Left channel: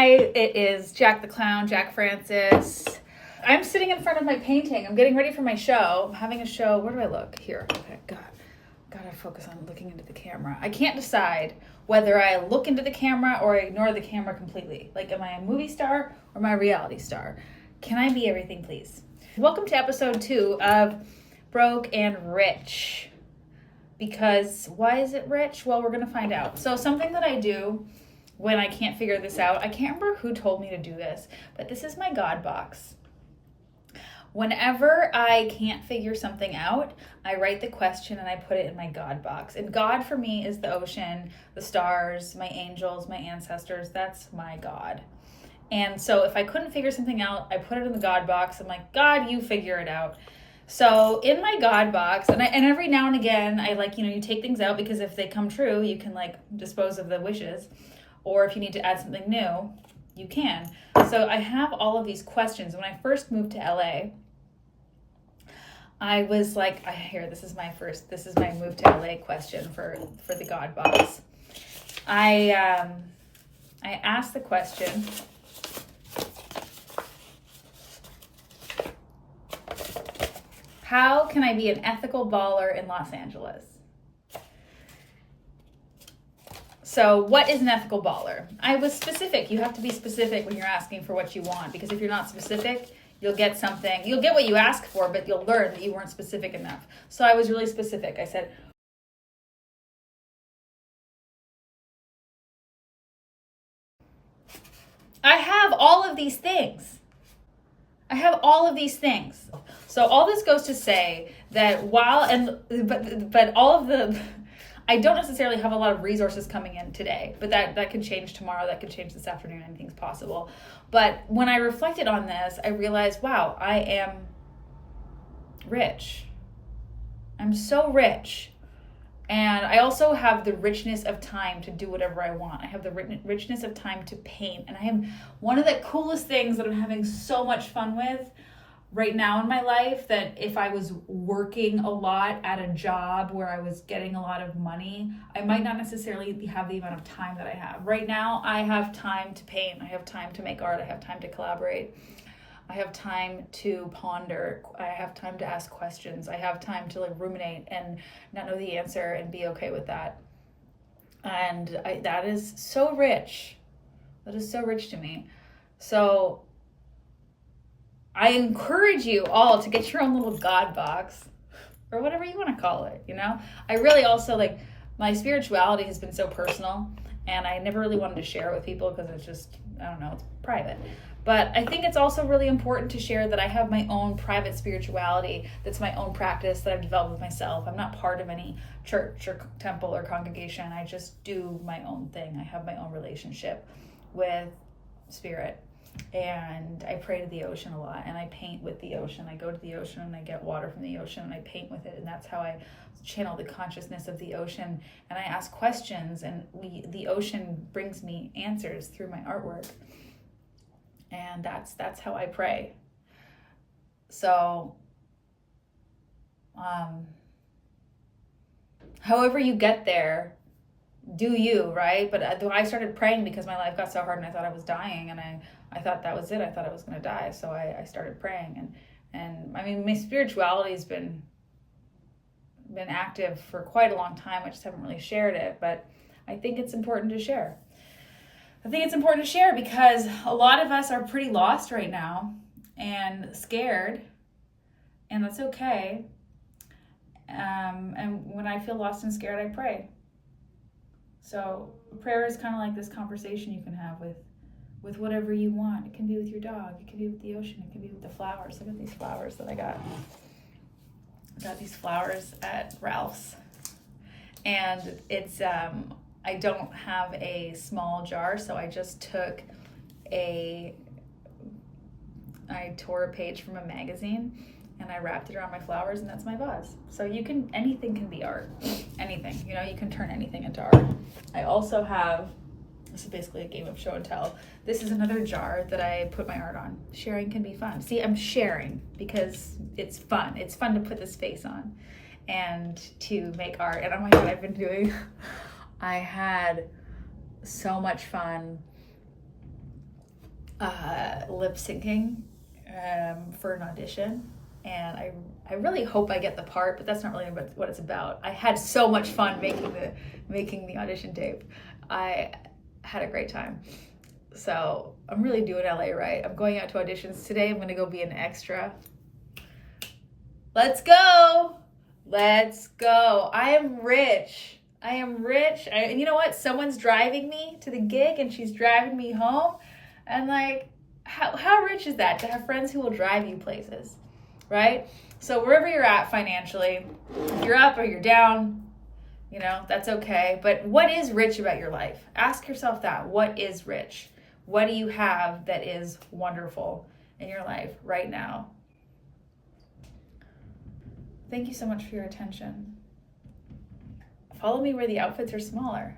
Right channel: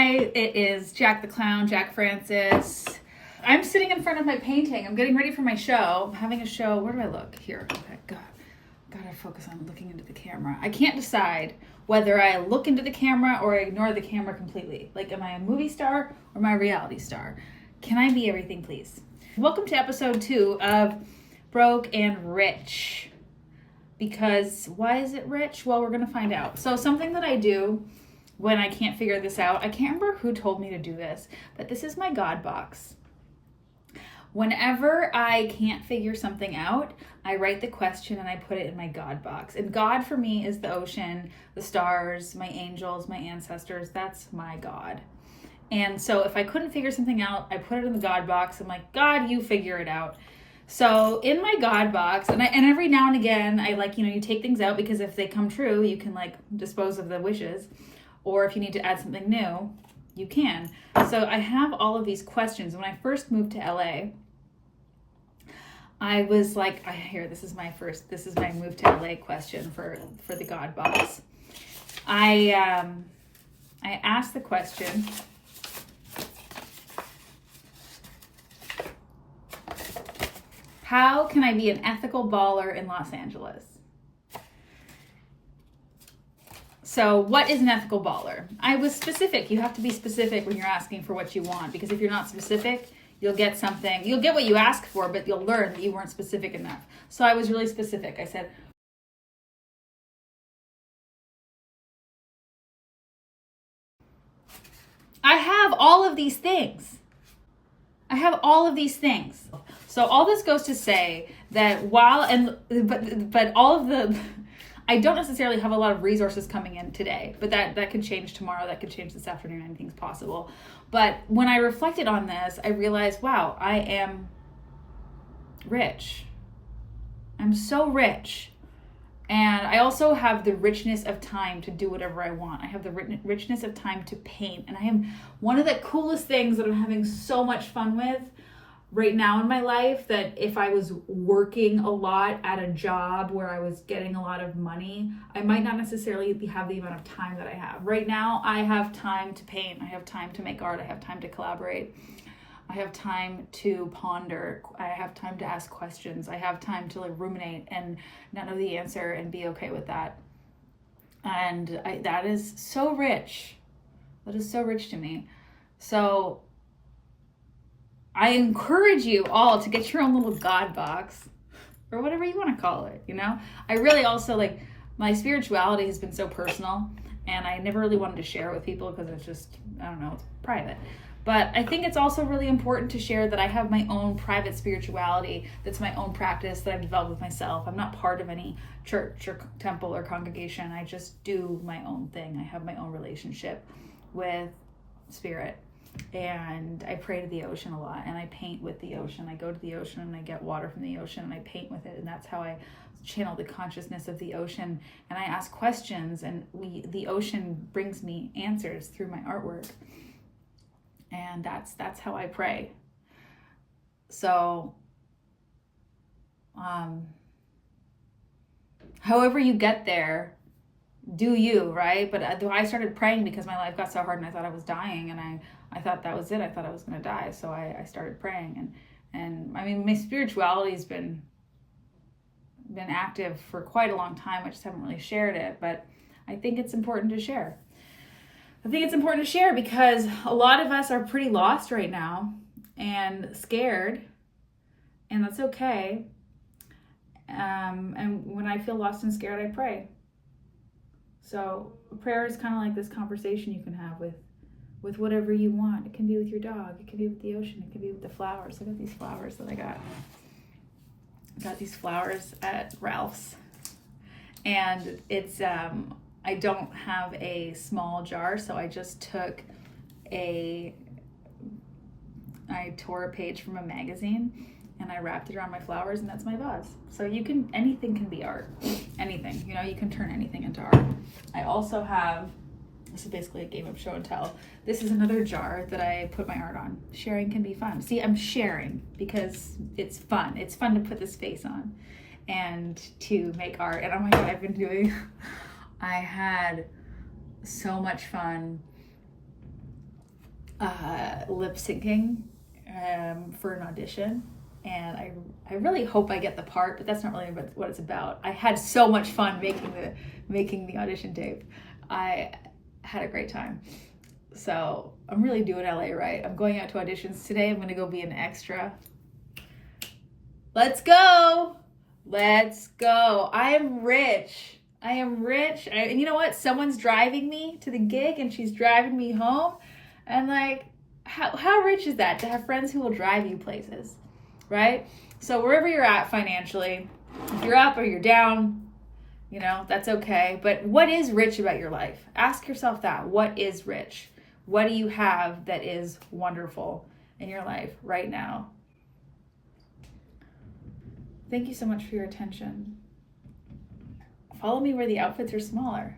Hi, it is Jack the Clown, Jack Francis. I'm sitting in front of my painting. I'm getting ready for my show. I'm having a show. Where do I look? Here. Okay, God. Gotta focus on looking into the camera. I can't decide whether I look into the camera or ignore the camera completely. Like, am I a movie star or am I a reality star? Can I be everything, please? Welcome to episode 2 of Broke and Rich. Because why is it rich? Well, we're gonna find out. So something that I do when I can't figure this out, I can't remember who told me to do this, but this is my God box. Whenever I can't figure something out, I write the question and I put it in my God box. And God for me is the ocean, the stars, my angels, my ancestors. That's my God. And so if I couldn't figure something out, I put it in the God box. I'm like, God, you figure it out. So in my God box, and every now and again, I you take things out because if they come true, you can dispose of the wishes. Or if you need to add something new, you can. So I have all of these questions. When I first moved to LA, I was like, this is my move to LA question for the God box. I asked the question, how can I be an ethical baller in Los Angeles? So what is an ethical baller? I was specific. You have to be specific when you're asking for what you want, because if you're not specific, you'll get what you ask for, but you'll learn that you weren't specific enough. So I was really specific. I said, I have all of these things. So all this goes to say that but all of the, I don't necessarily have a lot of resources coming in today, but that could change tomorrow. That could change this afternoon. Anything's possible. But when I reflected on this, I realized, wow, I am rich. I'm so rich. And I also have the richness of time to do whatever I want. I have the richness of time to paint. And I am one of the coolest things that I'm having so much fun with right now in my life, that if I was working a lot at a job where I was getting a lot of money, I might not necessarily have the amount of time that I have. Right now, I have time to paint. I have time to make art. I have time to collaborate. I have time to ponder. I have time to ask questions. I have time to ruminate and not know the answer and be okay with that. And that is so rich. That is so rich to me. So I encourage you all to get your own little God box, or whatever you want to call it, I really also, my spirituality has been so personal, and I never really wanted to share it with people because it's just, it's private. But I think it's also really important to share that I have my own private spirituality that's my own practice that I've developed with myself. I'm not part of any church or temple or congregation. I just do my own thing. I have my own relationship with spirit. And I pray to the ocean a lot, and I paint with the ocean. I go to the ocean and I get water from the ocean and I paint with it, and that's how I channel the consciousness of the ocean. And I ask questions, and the ocean brings me answers through my artwork. And that's how I pray. So however you get there, do you, right? But I started praying because my life got so hard and I thought I was dying, and I thought that was it. I thought I was going to die. So I started praying, and I mean, my spirituality has been active for quite a long time. I just haven't really shared it, but I think it's important to share. Because a lot of us are pretty lost right now and scared, and that's okay. And when I feel lost and scared, I pray. So prayer is kind of like this conversation you can have with whatever you want. It can be with your dog. It can be with the ocean. It can be with the flowers. Look at these flowers that I got. I got these flowers at Ralph's. And it's, I don't have a small jar, so I just I tore a page from a magazine and I wrapped it around my flowers, and that's my vase. So anything can be art. Anything, you can turn anything into art. I also have, this is basically a game of show and tell. This is another jar that I put my art on. Sharing can be fun. See, I'm sharing because it's fun. It's fun to put this face on and to make art. And oh my God, I had so much fun lip syncing for an audition, and I really hope I get the part, but that's not really what it's about. I had so much fun making the audition tape. I had a great time. So I'm really doing LA right. I'm going out to auditions today. I'm gonna go be an extra. Let's go. Let's go. I am rich. And you know what? Someone's driving me to the gig and she's driving me home. And like, how rich is that to have friends who will drive you places, right? So wherever you're at financially, if you're up or you're down, you know, that's okay. But what is rich about your life? Ask yourself that. What is rich? What do you have that is wonderful in your life right now? Thank you so much for your attention. Follow me where the outfits are smaller.